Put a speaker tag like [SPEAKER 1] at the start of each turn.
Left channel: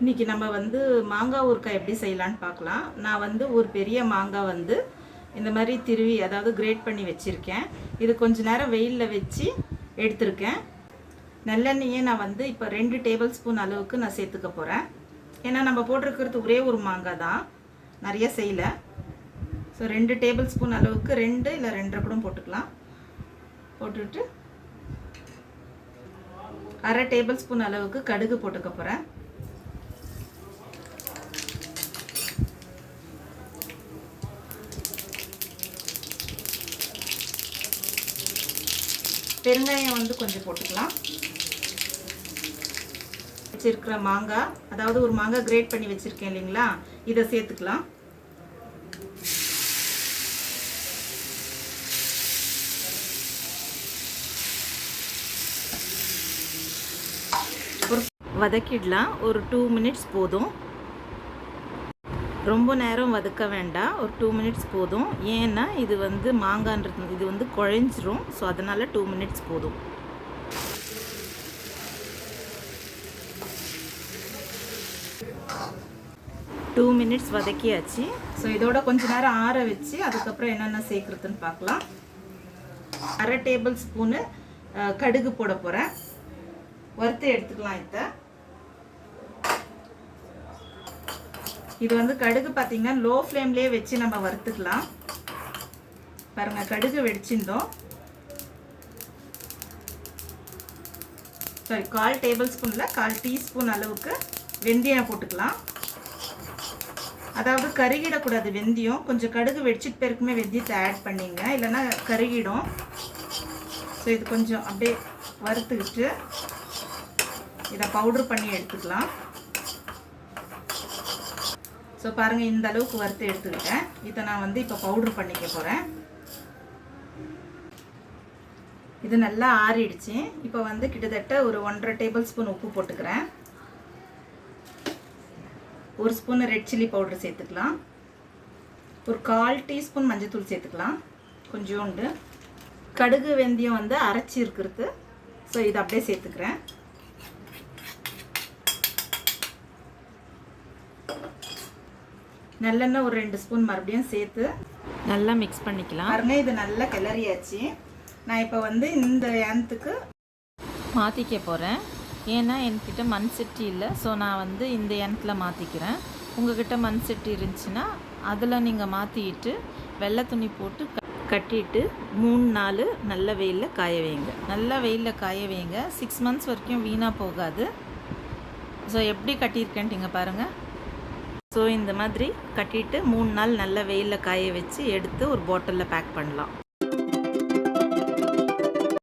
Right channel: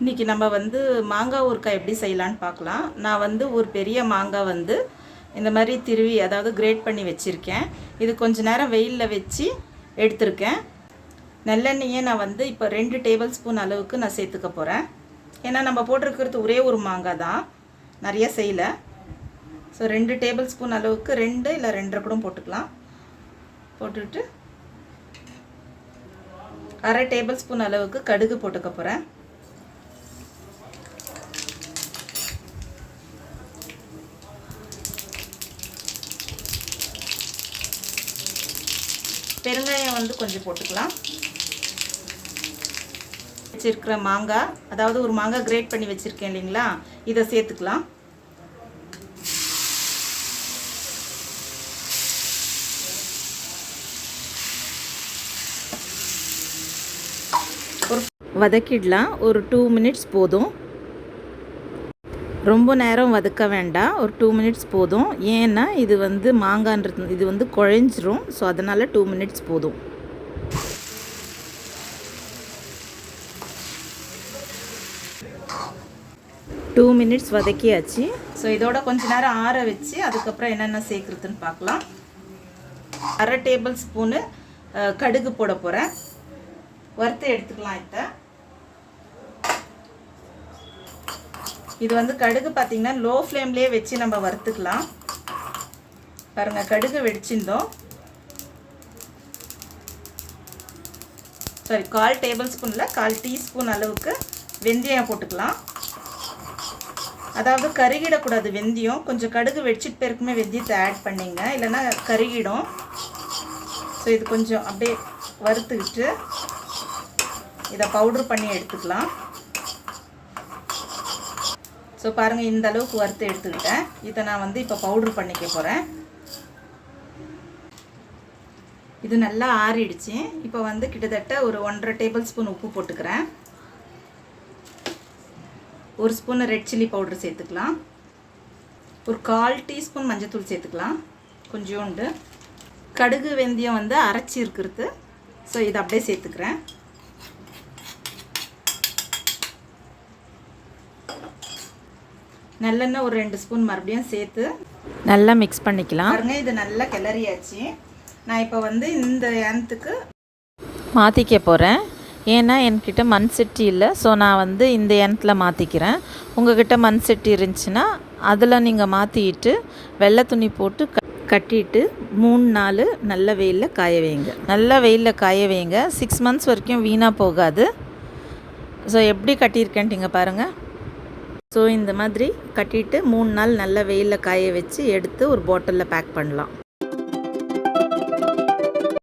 [SPEAKER 1] இன்றைக்கி நம்ம வந்து மாங்காய் ஊறுக்காய் எப்படி செய்யலான்னு பார்க்கலாம். நான் வந்து ஒரு பெரிய மாங்காய் வந்து இந்த மாதிரி திருவி அதாவது கிரேட் பண்ணி வச்சுருக்கேன். இது கொஞ்ச நேரம் வெயிலில் வச்சு எடுத்திருக்கேன். நல்லெண்ணெயை நான் வந்து இப்போ ரெண்டு டேபிள் ஸ்பூன் அளவுக்கு நான் சேர்த்துக்க போகிறேன் ஏன்னா நம்ம போட்டிருக்கிறது ஒரே ஒரு மாங்காய் தான். நிறைய செய்யலை. ஸோ ரெண்டு டேபிள் ஸ்பூன் அளவுக்கு ரெண்டு இல்லை ரெண்டரை கூட போட்டுக்கலாம். போட்டுட்டு அரை டேபிள் ஸ்பூன் அளவுக்கு கடுகு போட்டுக்க போகிறேன் பெருங்காயம் வந்து கொஞ்சம் போட்டுக்கலாம். வச்சிருக்கிற மாங்காய் அதாவது ஒரு மாங்காய் கிரேட் பண்ணி வச்சுருக்கேன் இல்லைங்களா? இதை சேர்த்துக்கலாம். வதக்கிடலாம். ஒரு டூ மினிட்ஸ் போதும். ரொம்ப நேரம் வதக்க வேண்டாம். ஒரு டூ மினிட்ஸ் போதும். ஏன்னா இது வந்து மாங்கான்றது இது வந்து குழஞ்சிரும். ஸோ அதனால் டூ மினிட்ஸ் போதும். டூ மினிட்ஸ் வதக்கியாச்சு. ஸோ இதோட கொஞ்ச நேரம் ஆற வச்சு அதுக்கப்புறம் என்னென்ன சேர்க்குறதுன்னு பார்க்கலாம். அரை டேபிள் ஸ்பூனு கடுகு போட போகிறேன் வறுத்து எடுத்துக்கலாம் இதை. இது வந்து கடுகு பார்த்தீங்கன்னா லோ ஃப்ளேம்லேயே வச்சு நம்ம வறுத்துக்கலாம். பாருங்கள் கடுகு வெடிச்சிருந்தோம். சாரி கால் டேபிள் ஸ்பூனில் கால் டீஸ்பூன் அளவுக்கு வெந்தயம் போட்டுக்கலாம். அதாவது கருகிடக்கூடாது வெந்தயம். கொஞ்சம் கடுகு வெடிச்சிட்டு பேருக்குமே வெந்தயத்தை ஆட் பண்ணிங்க. இல்லைன்னா கருகிடும். ஸோ இது கொஞ்சம் அப்படியே வறுத்துக்கிட்டு இதை பவுடர் பண்ணி எடுத்துக்கலாம். ஸோ பாருங்கள் இந்த அளவுக்கு வறுத்து எடுத்துக்கிட்டேன். இதை நான் வந்து இப்போ பவுட்ரு பண்ணிக்க போகிறேன் இது நல்லா ஆறிடுச்சு. இப்போ வந்து கிட்டத்தட்ட ஒரு ஒன்றரை டேபிள் ஸ்பூன் உப்பு போட்டுக்கிறேன். ஒரு ஸ்பூன் ரெட் சில்லி பவுடர் சேர்த்துக்கலாம். ஒரு கால் டீஸ்பூன் மஞ்சத்தூள் சேர்த்துக்கலாம். கொஞ்சோண்டு. கடுகு வெந்தயம் வந்து அரைச்சி இருக்கிறது. ஸோ இதை அப்படியே சேர்த்துக்கிறேன். நல்லெண்ணெய் ஒரு ரெண்டு ஸ்பூன் மறுபடியும் சேர்த்து
[SPEAKER 2] நல்லா மிக்ஸ் பண்ணிக்கலாம்.
[SPEAKER 1] பாருங்க இது நல்லா கிளறியாச்சு. நான் இப்போ வந்து இந்த ஏனத்துக்கு
[SPEAKER 2] மாற்றிக்க போகிறேன் ஏன்னா என்கிட்ட மண் சட்டி இல்லை. ஸோ நான் வந்து இந்த எண்ணத்தில் மாற்றிக்கிறேன் உங்ககிட்ட மண் சட்டி இருந்துச்சுன்னா அதில் நீங்கள் மாற்றிட்டு வெள்ளை துணி போட்டு க கட்டிட்டு மூணு நாள் நல்ல வெயிலில் காய வைங்க. நல்ல வெயிலில் காய வைங்க. சிக்ஸ் மந்த்ஸ் வரைக்கும் வீணாக போகாது. ஸோ எப்படி கட்டியிருக்கேன்ட்டிங்க பாருங்கள் ஸோ இந்த மாதிரி கட்டிட்டு மூணு நாள் நல்ல வெயிலில் காய வச்சு எடுத்து ஒரு பாட்டிலில் பேக் பண்ணலாம்.